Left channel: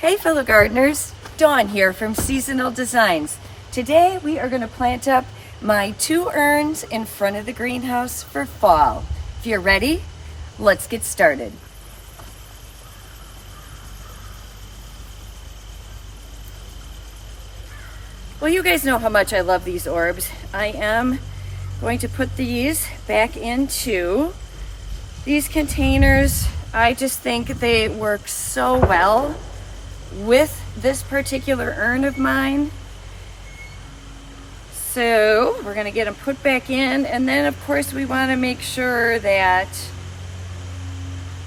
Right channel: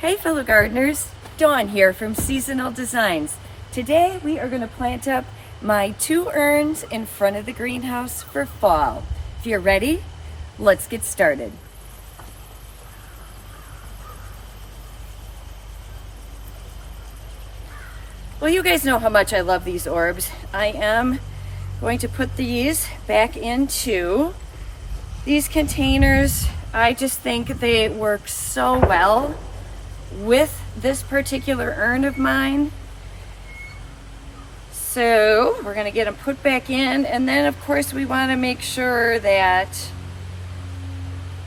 Hey fellow gardeners, Dawn here from Seasonal Designs. Today we are going to plant up my 2 urns in front of the greenhouse for fall. If you're ready, let's get started. Well, you guys know how much I love these orbs. I am going to put these back into these containers. I just think they work so well with this particular urn of mine. So we're going to get them put back in, and then of course we want to make sure that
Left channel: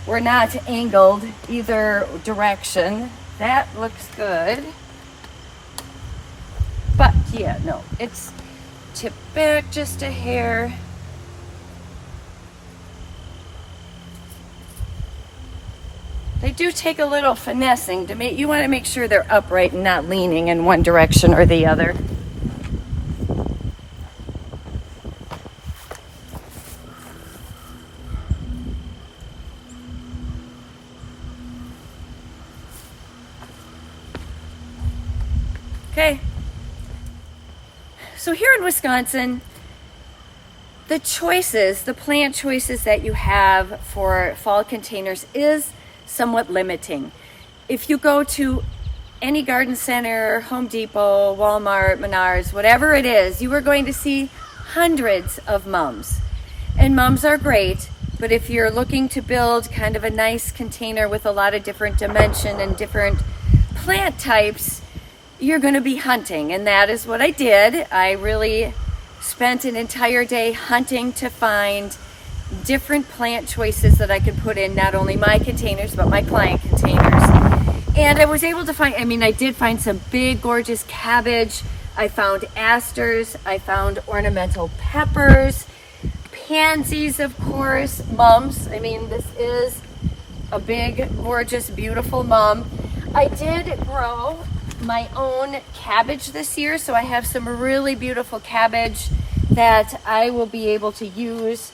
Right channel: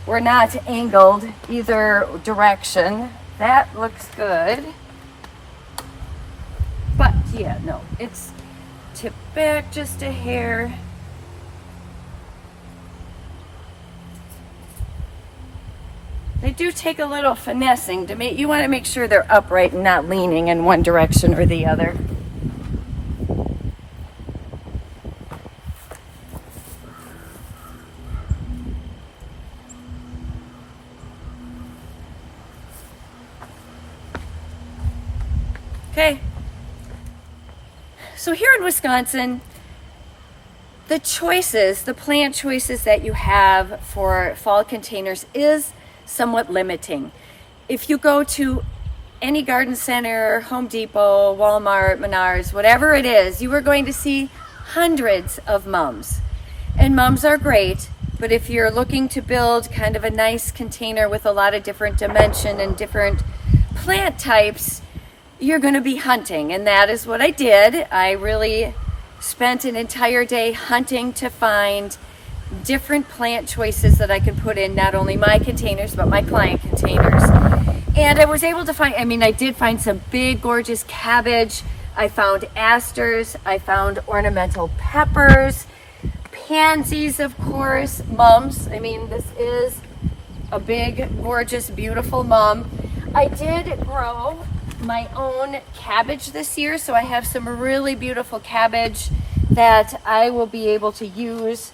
we're not angled either direction. That looks good. But yeah, no, it's tipped back just a hair. They do take a little finessing to make, you want to make sure they're upright and not leaning in one direction or the other. Okay. So here in Wisconsin, the plant choices that you have for fall containers is somewhat limiting. If you go to any garden center, Home Depot, Walmart, Menards, whatever it is, you are going to see hundreds of mums. And mums are great, but if you're looking to build kind of a nice container with a lot of different dimension and different plant types, you're going to be hunting. And that is what I did. I really spent an entire day hunting to find different plant choices that I could put in not only my containers but my client containers. And I was able to find, I did find some big gorgeous cabbage. I found asters, I found ornamental peppers, pansies, of course, mums. This is a big gorgeous beautiful mum. I did grow my own cabbage this year, so I have some really beautiful cabbage that I will be able to use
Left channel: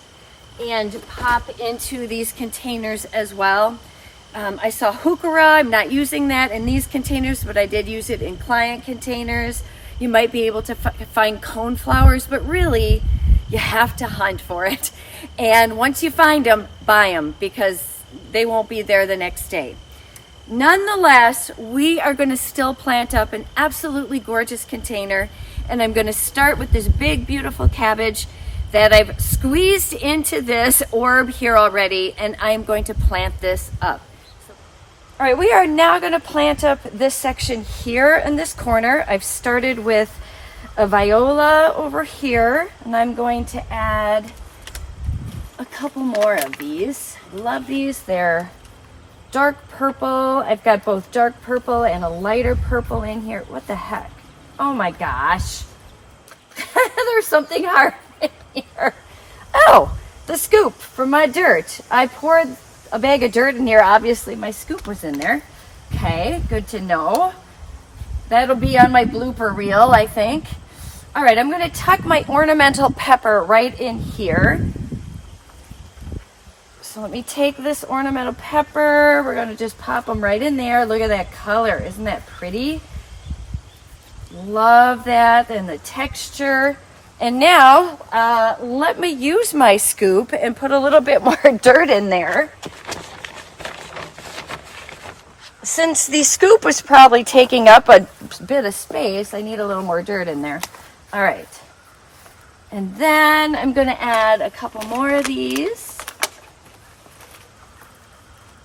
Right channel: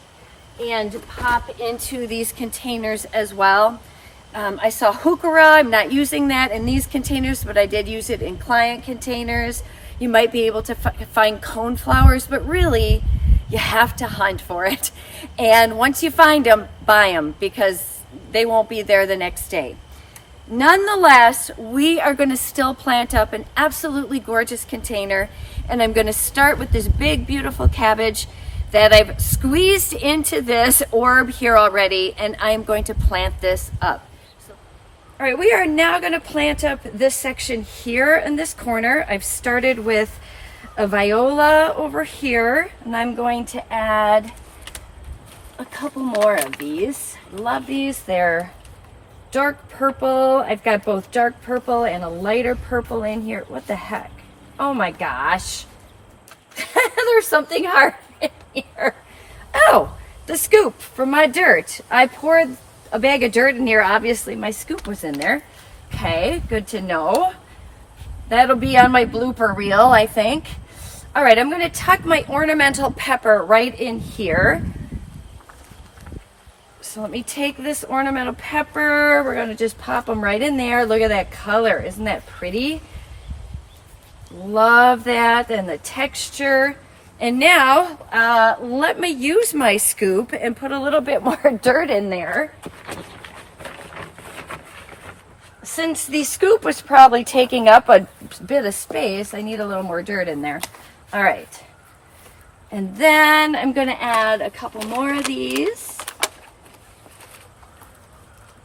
and pop into these containers as well. I saw heuchera. I'm not using that in these containers, but I did use it in client containers. You might be able to find coneflowers, but really you have to hunt for it. And once you find them, buy them, because they won't be there the next day. Nonetheless, we are going to still plant up an absolutely gorgeous container, and I'm going to start with this big beautiful cabbage that I've squeezed into this orb here already, and I'm going to plant this up. All right, we are now going to plant up this section here in this corner. I've started with a viola over here, and I'm going to add a couple more of these. Love these. They're dark purple. I've got both dark purple and a lighter purple in here. What the heck? Oh my gosh. There's something hard in here. Oh, the scoop from my dirt. I poured a bag of dirt in here. Obviously my scoop was in there. Okay, good to know. That'll be on my blooper reel, I think. All right, I'm going to tuck my ornamental pepper right in here. So let me take this ornamental pepper. We're going to just pop them right in there. Look at that color. Isn't that pretty? Love that and the texture. And now let me use my scoop and put a little bit more dirt in there. Since the scoop was probably taking up a bit of space, I need a little more dirt in there. All right. And then I'm going to add a couple more of these.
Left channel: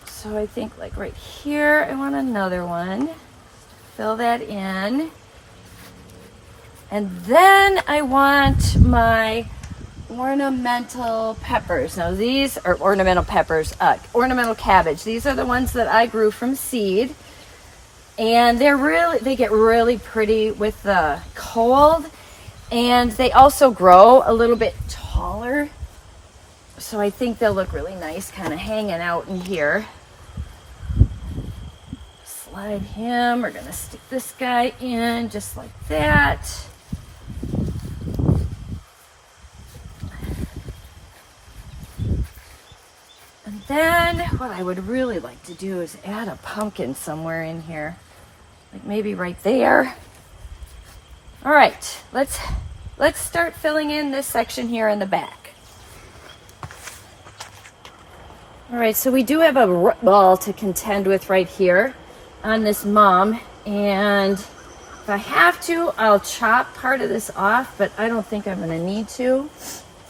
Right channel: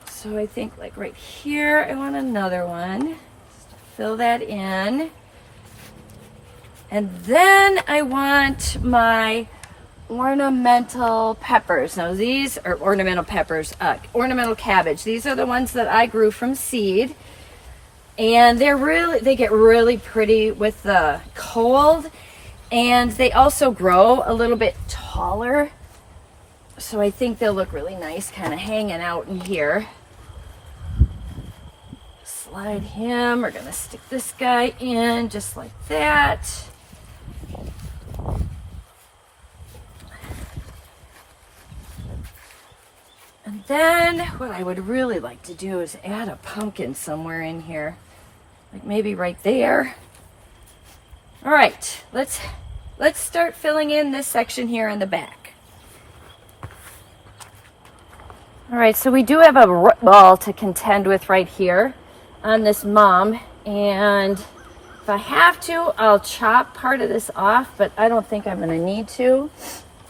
So I think like right here, I want another one. Just fill that in. And then I want my ornamental peppers. Now these are ornamental peppers, ornamental cabbage. These are the ones that I grew from seed. And they get really pretty with the cold. And they also grow a little bit taller. So I think they'll look really nice kind of hanging out in here. Slide him. We're going to stick this guy in just like that. And then what I would really like to do is add a pumpkin somewhere in here, like maybe right there. All right, let's start filling in this section here in the back. All right, so we do have a root ball to contend with right here on this mom, and if I have to, I'll chop part of this off, but I don't think I'm going to need to.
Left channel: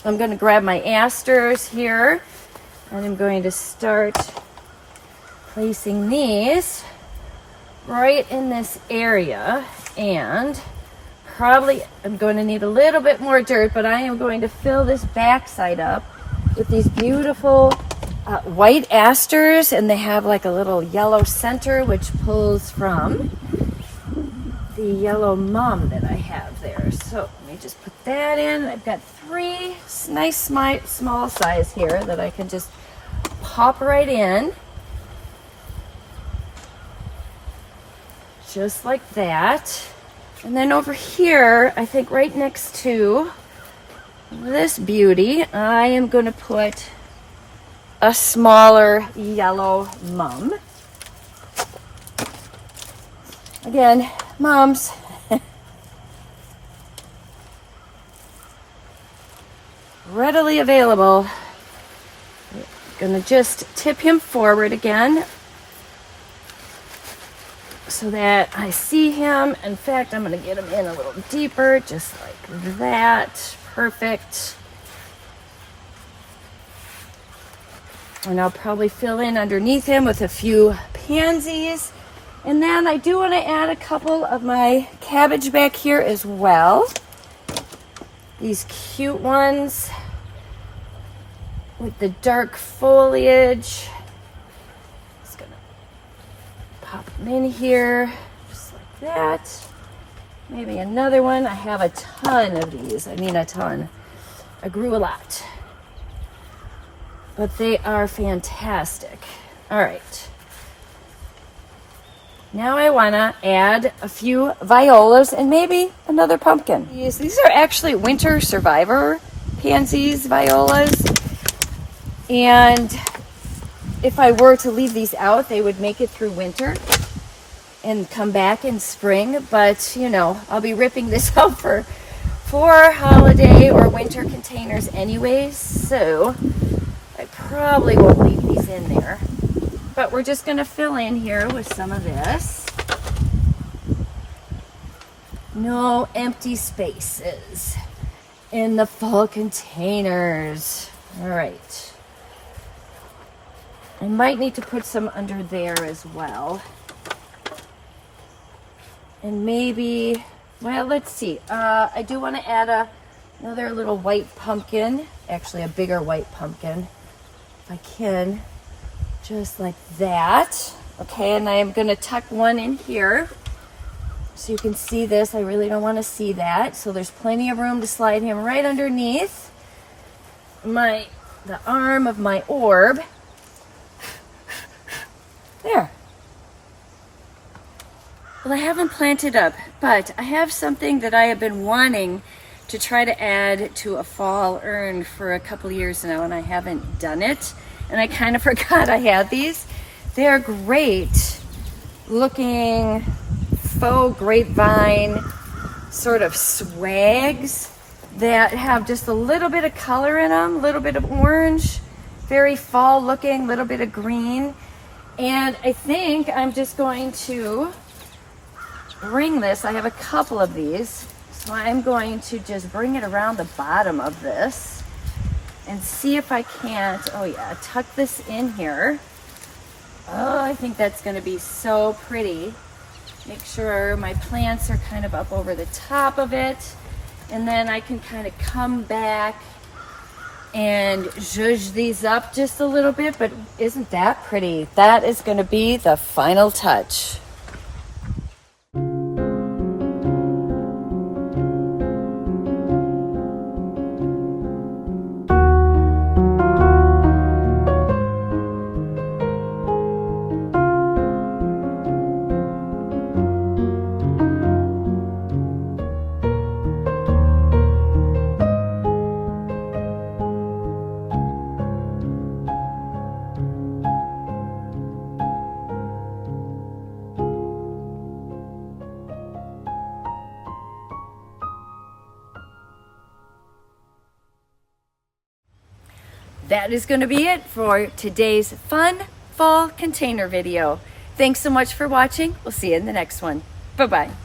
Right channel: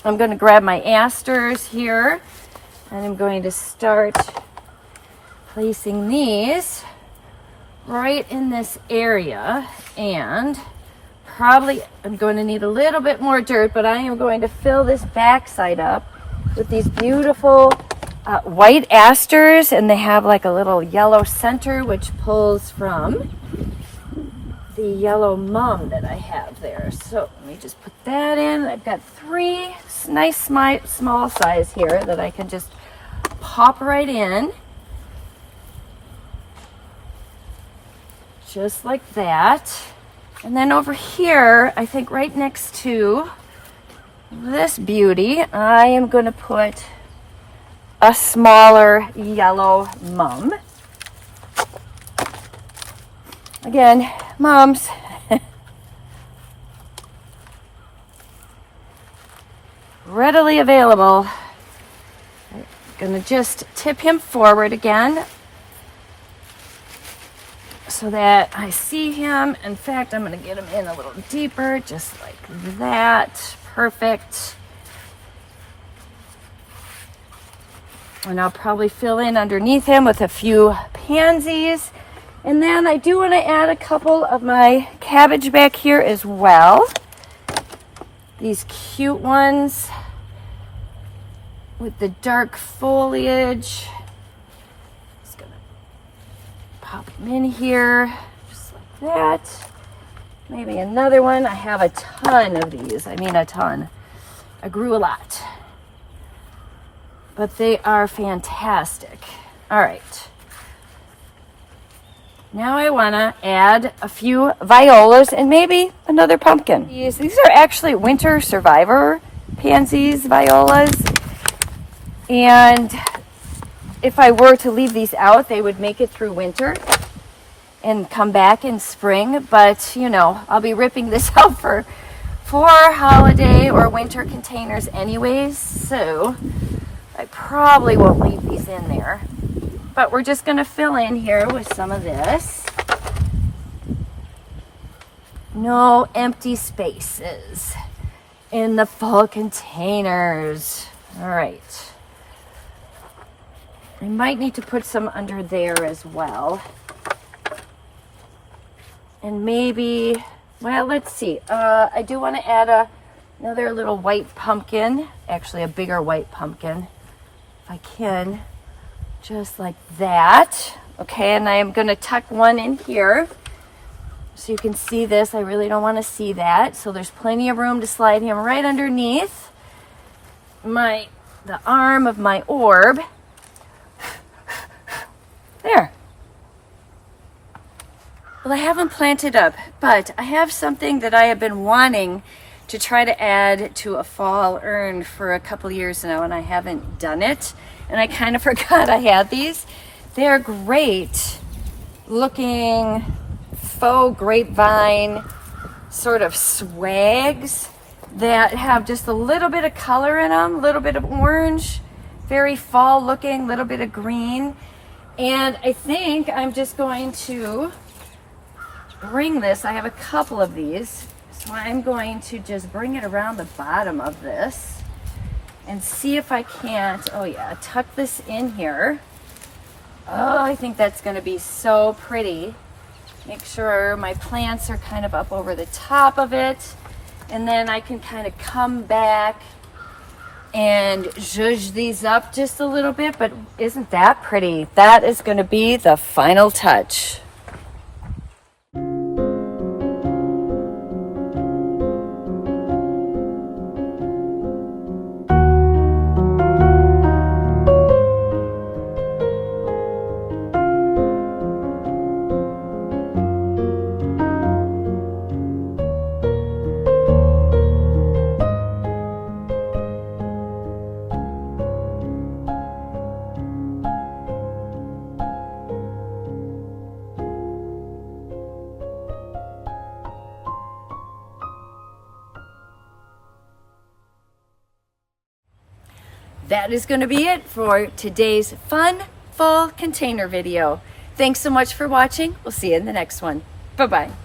I'm going to grab my asters here, and I'm going to start placing these right in this area, and probably I'm going to need a little bit more dirt, but I am going to fill this backside up with these beautiful white asters, and they have like a little yellow center which pulls from the yellow mum that I have there. So let me just put that in. I've got 3 nice small size here that I can just pop right in. Just like that. And then over here, I think right next to this beauty, I am going to put a smaller yellow mum. Again, mums. Readily available. I'm going to just tip him forward again so that I see him. In fact, I'm going to get him in a little deeper, just like that. Perfect. And I'll probably fill in underneath him with a few pansies. And then I do want to add a couple of my cabbage back here as well. These cute ones with the dark foliage. Just gonna pop them in here, just like that. Maybe another one. I have a ton of these. I mean a ton. I grew a lot. But they are fantastic. All right. Now I want to add a few violas and maybe another pumpkin. These are actually winter survivor pansies, violas. And if I were to leave these out, they would make it through winter and come back in spring. But, you know, I'll be ripping this out for holiday or winter containers anyways. So I probably won't leave these in there. But we're just going to fill in here with some of this. No empty spaces in the fall containers. All right. I might need to put some under there as well. And maybe, well, let's see. I do want to add another little white pumpkin. Actually, a bigger white pumpkin, if I can. Just like that. Okay, and I am going to tuck one in here so you can see this. I really don't want to see that. So there's plenty of room to slide him right underneath the arm of my orb. There. Well, I haven't planted up, but I have something that I have been wanting to try to add to a fall urn for a couple years now, and I haven't done it. And I kind of forgot I had these. They're great looking faux grapevine sort of swags that have just a little bit of color in them, a little bit of orange, very fall looking, little bit of green. And I think I'm just going to bring this. I have a couple of these. So I'm going to just bring it around the bottom of this and see if I can't, oh yeah, tuck this in here. Oh, I think that's gonna be so pretty. Make sure my plants are kind of up over the top of it. And then I can kind of come back and zhuzh these up just a little bit, but isn't that pretty? That is gonna be the final touch. that is going to be it for today's fun fall container video. Thanks so much for watching. We'll see you in the next one. Bye-bye.